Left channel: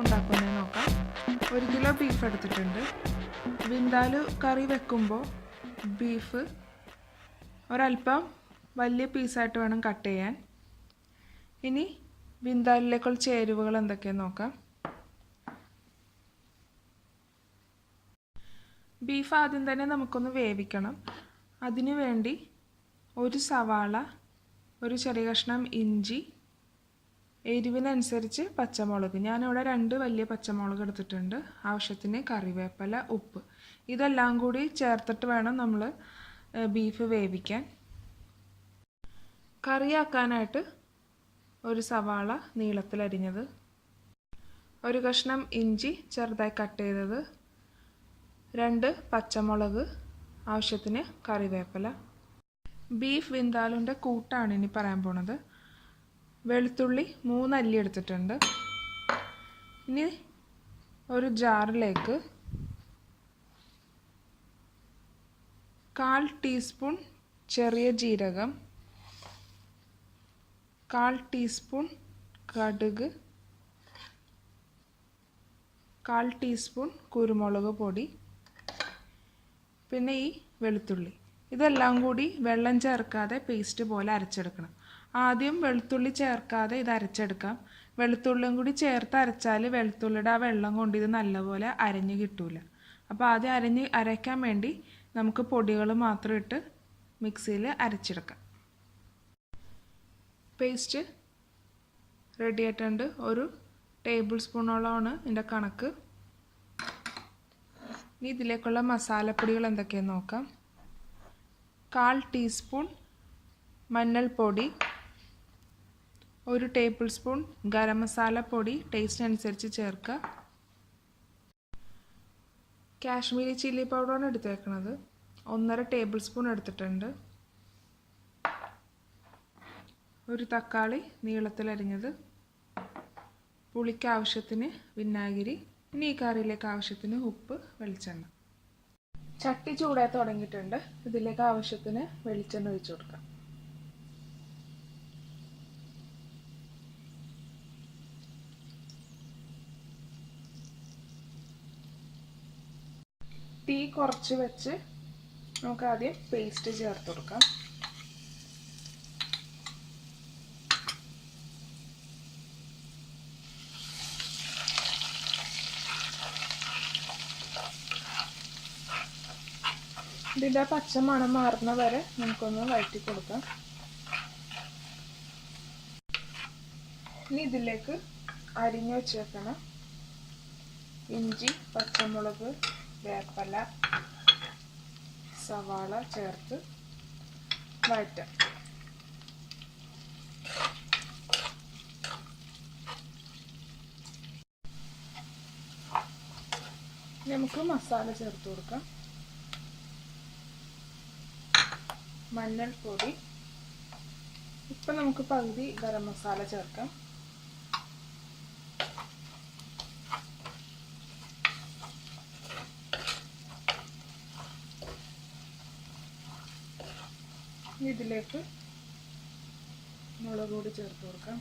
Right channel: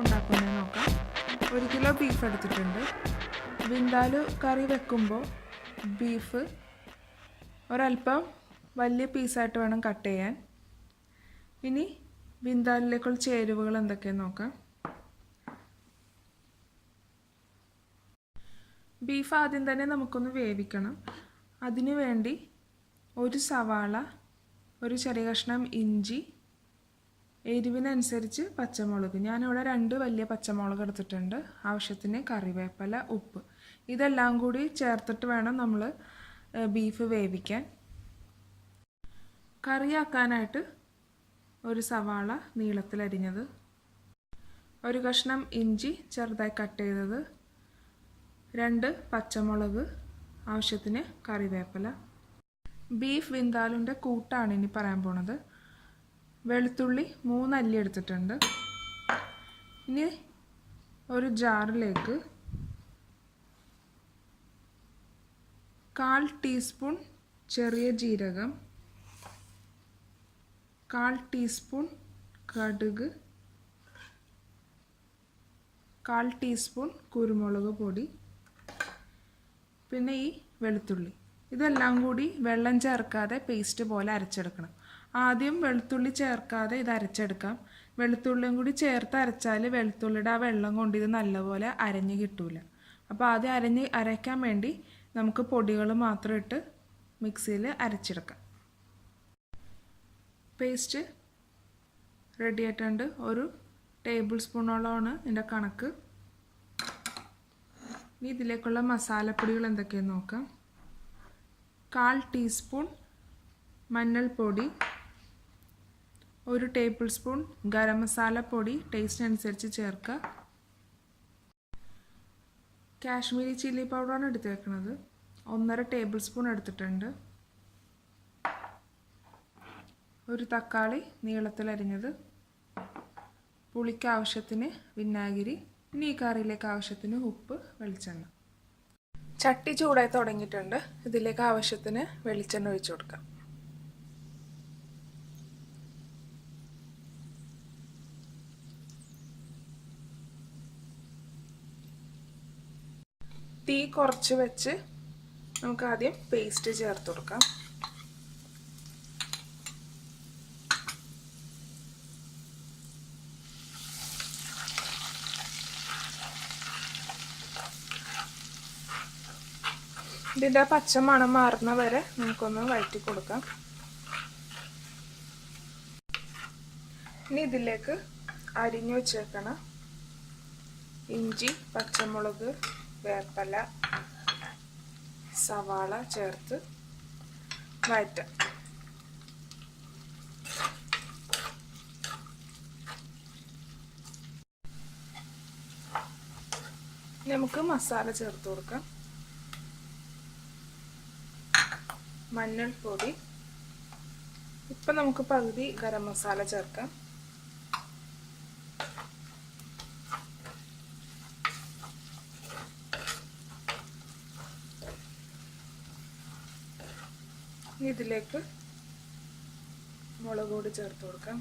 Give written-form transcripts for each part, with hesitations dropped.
ഉണ്ടാക്കുന്നത് നോക്കാം. 1 kilo beef എടുത്തിട്ടുണ്ട്. വിന്താലു കറി വെക്കുമ്പോൾ ബീഫ് ഒരല്പം വലിയ പീസായിട്ട് വേണം കട്ട് ചെയ്യാൻ. ഇനി വിന്താലിലേക്കുള്ള ചേരുവകൾ എന്തൊക്കെയെന്ന് നോക്കാം. ബീഫ് ആദ്യം തന്നെ നമുക്കൊന്ന് വേവിക്കണം. അതിനു വേണ്ടി ഒരു സവാള, ഒരു ചെറിയ കഷ്ണം ഇഞ്ചി, എരിവിനനുസരിച്ച് പച്ചമുളക്, ഞാനിവിടെ 2 വലിയ പച്ചമുളക് എടുത്തിട്ടുണ്ട്, ആവശ്യത്തിന് കറിവേപ്പില, ഉപ്പ്, ഇതെല്ലാം കൂടി ചേർത്തിട്ട് വേണം നമ്മൾ ബീഫ് വേവിക്കാൻ. കറിയാക്കാനായിട്ട് ഒരു സവാള നീളത്തിലരിഞ്ഞത്, ഒരു കഷ്ണം ഇഞ്ചി ചെറുതായി കട്ട് ചെയ്തത്, 2 പച്ചമുളക്, ആവശ്യത്തിന് കറിവേപ്പില. ബീഫ് വിന്താലുൻ്റെ കൂട്ടാണ് ഇനി പറയാൻ പോണത്. വെളുത്തുള്ളി 3 അല്ലി എടുത്തിട്ടുണ്ട്. ഇനി ഒരു ജാറിലേക്ക് 1/4 ടീസ്പൂൺ ചെറിയ ജീരകം, 1/4 ടീസ്പൂൺ കടുക്, 1/4 ടീസ്പൂൺ കുരുമുളക് പൊടി, പിന്നെ ഈ വെളുത്തുള്ളി, ഇതെല്ലാം കൂടി വെള്ളം ചേർക്കാതെ പേസ്റ്റ് പോലെ അരച്ചെടുക്കണം. ആദ്യം വെളുത്തുള്ളി ചേർക്കാതെ ഇത് അരച്ചെടുക്കാം. വെളുത്തുള്ളിയും കൂടി ചേർത്ത് അരച്ചാൽ വെളുത്തുള്ളിയുടെ ആ വെള്ളം കൊണ്ട് ഇത് നല്ലപോലെ അരഞ്ഞ് കിട്ടൂല. അപ്പോൾ ആദ്യം അരയ്ക്കാൻ വേണ്ടി നമുക്ക് പൊടികൾ മാത്രം ഇട്ട് മിക്സിയിൽ അരച്ചെടുക്കാം. പേസ്റ്റ് റെഡി ആയിട്ടുണ്ട്. 1 ടേബിൾ സ്പൂണോളമാണ് ഇതിൻ്റെ കണക്ക്. ഇനി ഇതിലേക്കുള്ള മസാലപ്പൊടികൾ എന്തൊക്കെയെന്ന് നോക്കാം. 1/4 ടീസ്പൂൺ മഞ്ഞൾപ്പൊടി, 1 ടേബിൾ സ്പൂൺ ഗരം മസാല പൊടി, ടേസ്റ്റ് അനുസരിച്ച് ചേർക്കുക. കാശ്മീരി ചില്ലി പൗഡറാണ് എടുത്തേക്കുന്നത്, 1.5 ടേബിൾ സ്പൂൺ എടുത്തിട്ടുണ്ട്. 1 തക്കാളി നീളത്തിലരിഞ്ഞത്, പുളിക്ക് ആവശ്യത്തിന് വിനാഗിരി. ഇനി ഈ കറിയിലേക്ക് ആവശ്യത്തിന് ഉപ്പ്, വെളിച്ചെണ്ണ. ചട്ടി ചൂടായി തുടങ്ങിയിട്ടുണ്ട്. ഇതിലേക്ക് ആവശ്യത്തിന് വെളിച്ചെണ്ണ ഒഴിച്ചു കൊടുക്കാം. തീ കുറച്ച് വെച്ച് നമുക്ക് ആദ്യം പേസ്റ്റ് ചേർത്ത് കൊടുക്കാം. ഇതിൻ്റെ പച്ച മണം മാറുന്ന വരെ നമുക്കൊന്ന് വഴറ്റി കൊടുക്കാം. ഇനി ഇതിലേക്ക് അരിഞ്ഞു വെച്ചേക്കണ ഇഞ്ചി, പച്ചമുളക്, വേപ്പില, സവാള ചേർത്ത് വഴറ്റാം. നമുക്ക് മസാല ചേർത്ത് കൊടുക്കാം. മഞ്ഞൾപ്പൊടി, ഇപ്പം നമുക്ക് പകുതി ഗരം മസാല ചേർക്കാം. ഇതിലേക്ക് മുളക് പൊടി ചേർത്ത് കൊടുക്കാം.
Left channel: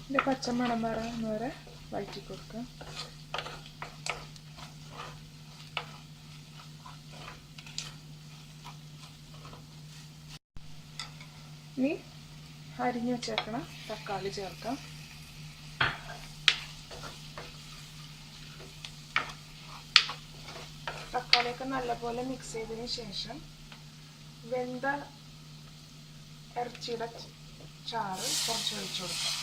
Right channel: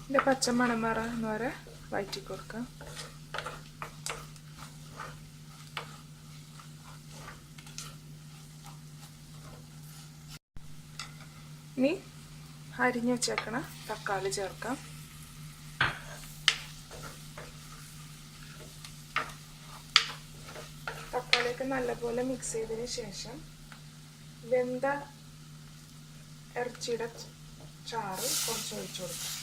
ഇതിൻ്റെ പച്ചമണം മാറുന്ന വരെ വഴറ്റി കൊടുക്കാം. ഇനി അരിഞ്ഞു വെച്ചേക്കണ തക്കാളി ചേർക്കാം. തക്കാളിയൊക്കെ നല്ലപോലെ മിക്സ് ചെയ്തതിന് ശേഷം വെന്ത ഇറച്ചിയുടെ ചാറ് കുറച്ച് ഒഴിച്ചു കൊടുക്കാം.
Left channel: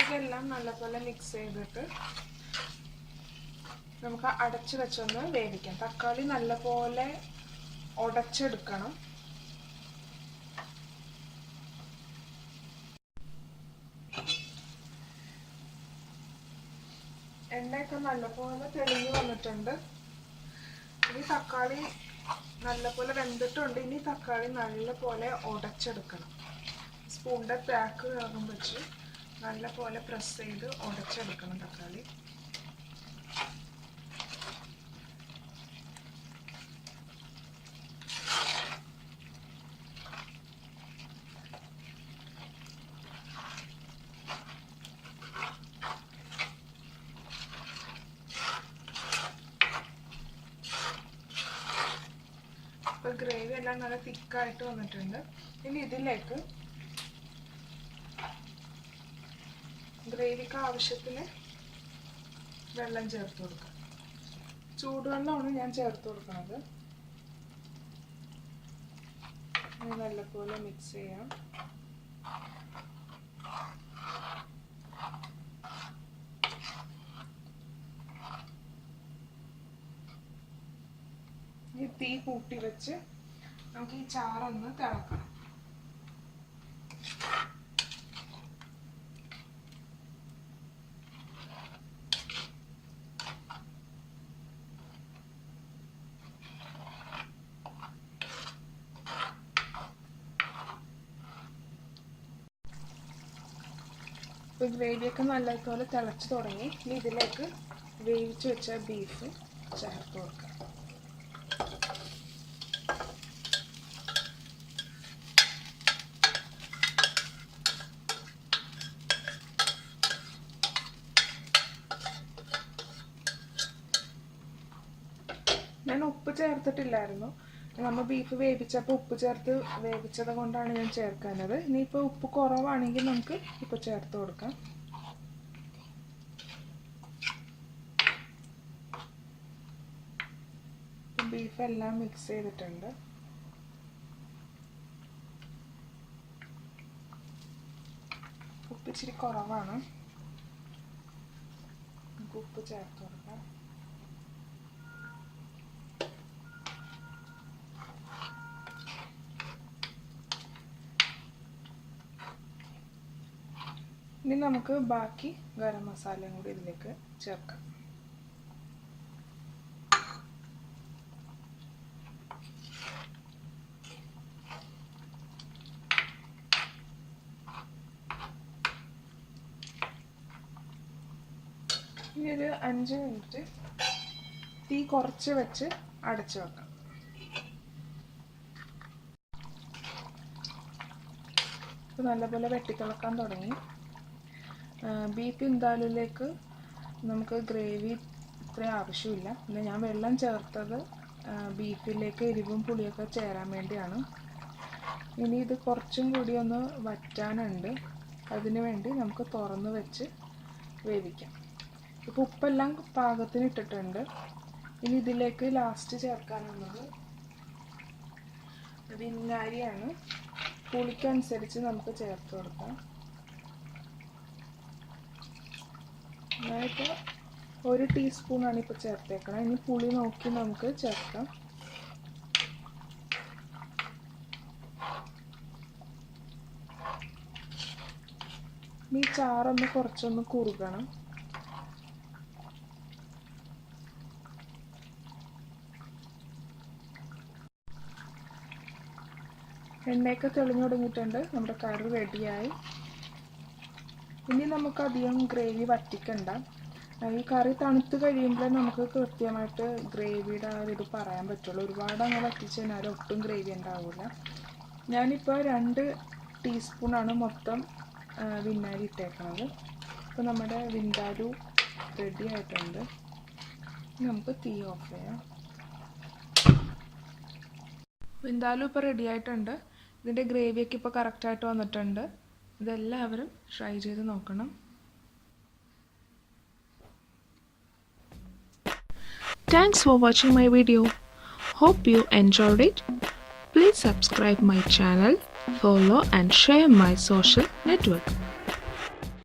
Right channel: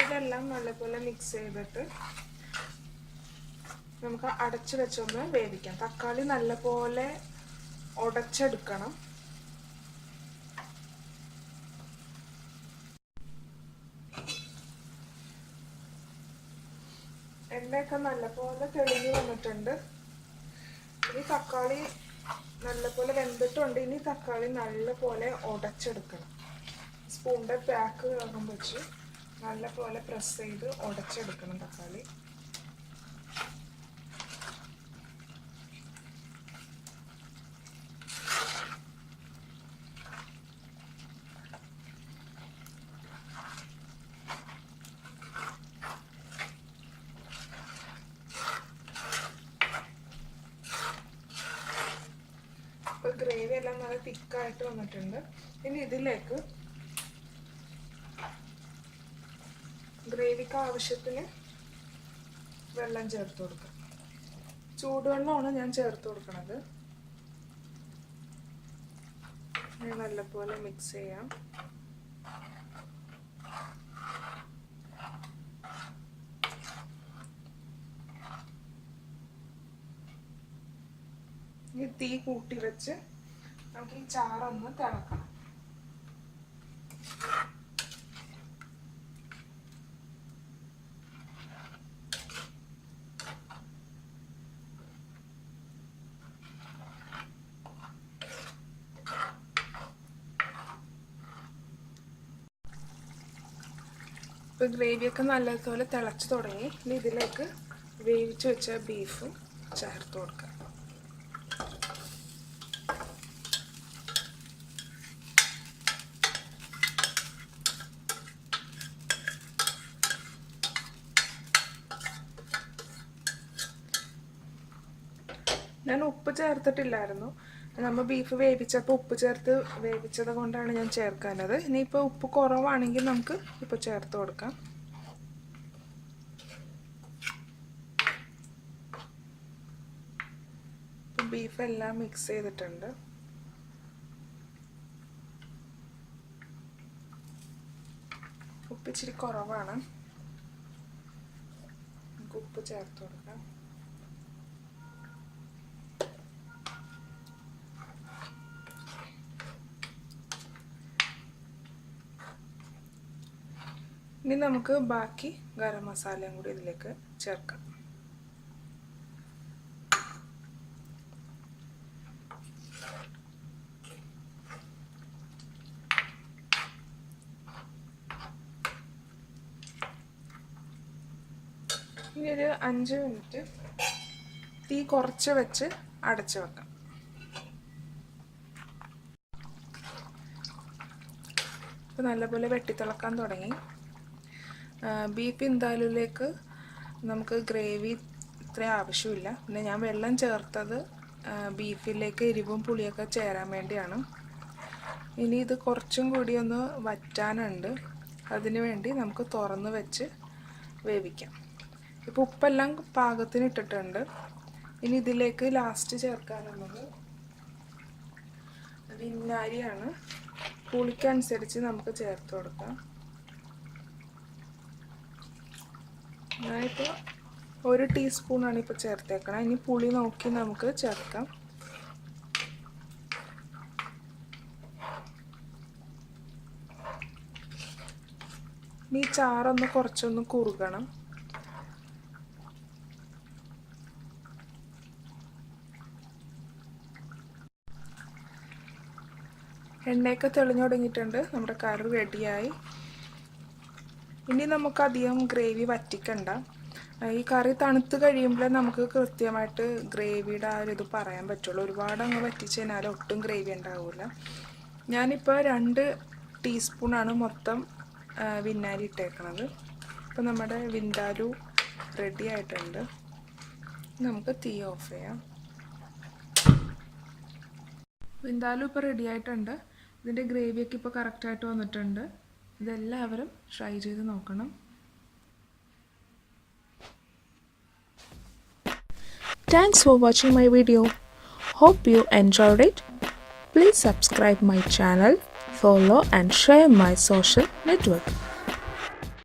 ഇതെല്ലാം നല്ലപോലെ മിക്സ് ചെയ്തിട്ട് നമുക്ക് അടച്ചു വെച്ചൊന്ന് വേവിക്കാം. തക്കാളി നല്ലപോലെ ഉടച്ചെടുക്കണം. എണ്ണയൊക്കെ നല്ലപോലെ തെളിഞ്ഞു വന്നിട്ടുണ്ട്. ഇനി തക്കാളി നല്ലപോലെ വെന്തിട്ടുണ്ട്. ഇനി തക്കാളി നല്ലപോലെ ഉടച്ചെടുക്കണം. സ്പൂണിൻ്റെ ബാക്ക് ഭാഗം വെച്ച് നല്ലപോലെ പ്രസ് ചെയ്ത് ഉടച്ചെടുക്കണം തക്കാളി. ഇപ്പോൾ ഗ്രേവി എല്ലാം നല്ല തിക്കായിട്ട് വന്നിട്ടുണ്ട്. ഇനി ഇതിലേക്ക് ഗ്രേവിക്ക് ആവശ്യത്തിന് വെള്ളം ചേർത്ത് കൊടുക്കാം. ചൂടുവെള്ളമാണ് ഞാൻ ചേർത്ത് കൊടുക്കുന്നത്. നല്ലപോലെ മിക്സ് ചെയ്യാം. ഈ തീ കൂട്ടി വെച്ച് നമുക്ക് ഈ ചാറൊന്ന് തിളക്കണം. ഇപ്പോൾ ഗ്രേവിയൊക്കെ നല്ലതുപോലെ തിളച്ച് തുടങ്ങി. ഇനി ഇതിലേക്ക് വേവിച്ച് വെച്ച ബീഫ് ചേർത്ത് കൊടുക്കാം. ഞാൻ ഉപ്പ് ചേർത്തിട്ടില്ലായിരുന്നു. നമ്മൾ ബീഫ് വേവിച്ചപ്പോൾ ഉപ്പ് ചേർത്ത് വേവിച്ചത് കൊണ്ടാണ് ഞാൻ ചേർക്കാനത്. ഇനിയിപ്പോൾ ഉപ്പ് കുറവാണെങ്കിൽ നമുക്ക് ഇപ്പോൾ ചേർത്ത് കൊടുക്കാം. ബീഫെല്ലാം മിക്സ് ചെയ്തിട്ടുണ്ട്. ഉപ്പ് ഇച്ചിരി കുറവാണ്. നമുക്ക് ഉപ്പ് ചേർത്ത് കൊടുക്കാം. ഇനി നമുക്ക് ബാക്കി ഗരം മസാലയും കൂടി ഇതിലേക്ക് ചേർക്കാം. ഇനി ഒരു 5 മിനിറ്റ് തീ കുറച്ച് വെച്ച് അടച്ചു വെക്കാം. ഇപ്പോൾ നല്ലപോലെ വെട്ടിത്തിളക്കാൻ തുടങ്ങി. ബീഫ് വിന്താലൂലേക്ക് നമുക്ക് ഗ്രേവി ഇത്ര ആവശ്യമില്ല. പിന്നെ ഞാൻ വെള്ളം ചേർത്തത് ബീഫിലേക്ക് എരിവും പുളിയൊക്കെ ചേരാൻ വേണ്ടിയാണ്. ഇനി ഇത് കുറച്ചും കൂടി ഒന്ന് വറ്റാനുണ്ട്. അതിനു വേണ്ടി നമുക്ക് തുറന്ന് വെച്ച് വേവിക്കാം. ഇപ്പോൾ ഉപ്പെല്ലാം പാകത്തിന് ഇട്ടിട്ടുണ്ട്. ഇനി ഇതിലേക്ക് ലാസ്റ്റ് ചേർക്കാനുള്ളത് വിനാഗിരിയാണ്. പുളിക്കനുസരിച്ച് നമുക്ക് ചേർത്ത് കൊടുക്കാം. ഞാനിപ്പോൾ 1 ടീസ്പൂണാണ് ഇപ്പോൾ ചേർത്തേക്കണം. ഇനി പുളി നോക്കി നമുക്ക് ചേർക്കാം. ഈ ചാറൊന്ന് കുറച്ചൊന്ന് കുറുകണം. എണ്ണയൊക്കെ തെളിഞ്ഞു തുടങ്ങിയിട്ടുണ്ട്. നമ്മുടെ കറി റെഡിയായി. ഇനി നമുക്കധികം ഗ്രേവി വറ്റിക്കണ്ട. ഈ കറി തണുത്ത് കഴിയുമ്പോൾ നമുക്ക് കൃത്യമായിട്ട് ഗ്രേവിയുടെ ആ ഒരു ഇത് പറയാൻ പറ്റുള്ളൂ. ഒരുപാട് അങ്ങ് വറ്റിച്ച് കഴിഞ്ഞാൽ ഒട്ടും ഗ്രേവി ഉണ്ടാവില്ല. ഞാനിപ്പോൾ 2 ടീസ്പൂണാണ് മൊത്തം വിനാഗിരി ഇട്ടേക്കണത്. ഇപ്പോൾ നമ്മുടെ വിൻഡാലൂ റെഡി ആയിട്ടുണ്ട്. നമുക്ക് തീ ഓഫ് ചെയ്യാം. വിൻഡാലൂ ഇപ്പോൾ റെഡി ആയിട്ടുണ്ട്. ഇതിൻ്റെ ഗ്രേവിയൊക്കെ ഇപ്പോൾ കറക്റ്റായിട്ട് വന്നിട്ടുണ്ട്. ഇതെല്ലാവരും ട്രൈ ചെയ്ത് നോക്കണം. Thanks for watching my video. Hope you enjoyed it. Please subscribe my channel, follow and share my social network.